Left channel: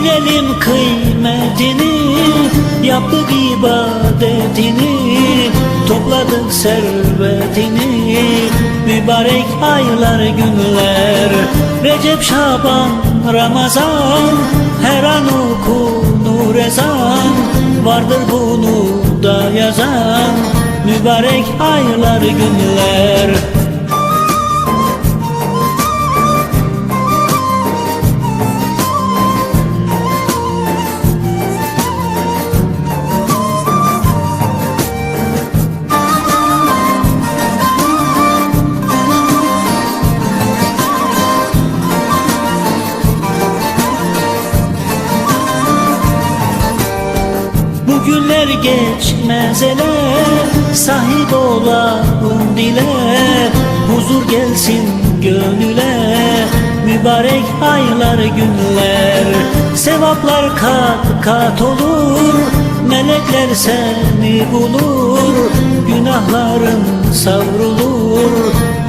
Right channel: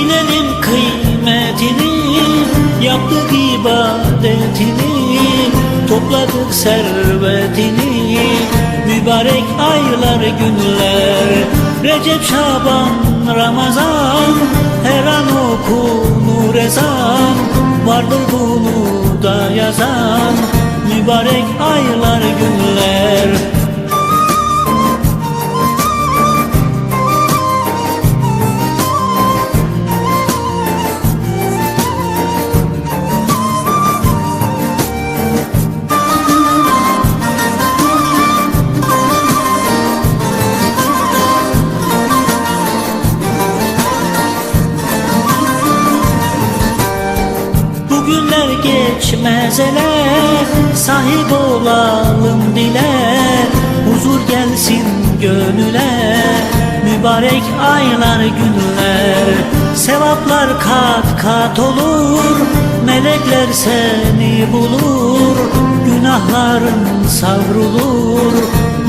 Bilelim kıymetini Yaptık ibadetini Topladık servetini Mübarek aylar günler. Recep, Şaban, Ramazan Her an okunur ezan. Vardır bunu da yazan Mübarek aylar günler geçmez ele Sahip olalım dile Huzur gelsin gönüle. Mübarek aylar günler. Sevaplar kat kat olur. Melekler seni bulur. Günahların savrulur.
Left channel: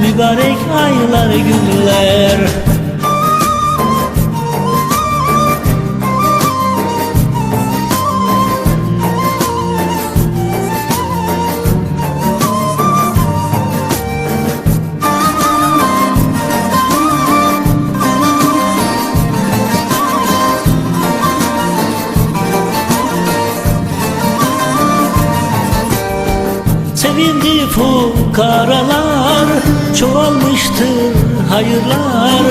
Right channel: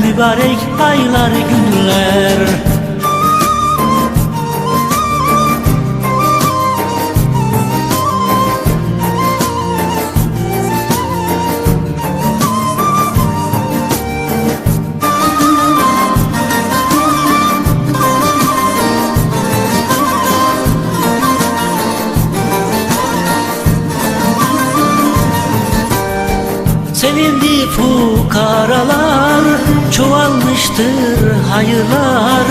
Mübarek aylar günler Sevindi fukaralar Çoğalmıştır hayırlar.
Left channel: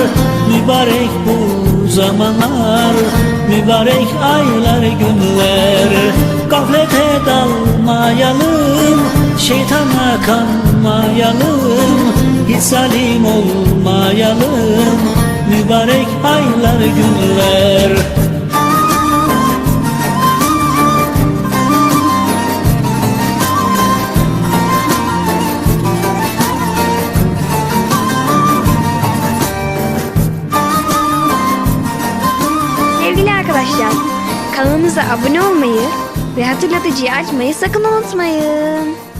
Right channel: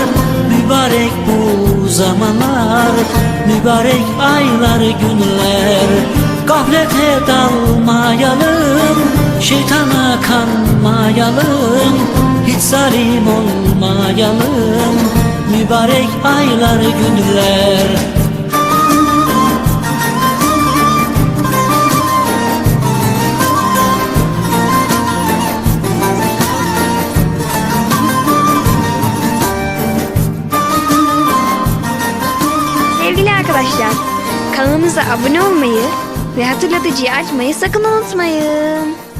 Mübarek bu zamanlar Mübarek aylar günler. Gaflete dalmayalım Şeytana kanmayalım Hiç zalim olmayalım Mübarek aylar günler arkadaşlar, kanalımıza abone olmayı ve hatırlatıcıyı açmayı sakın unutmayın.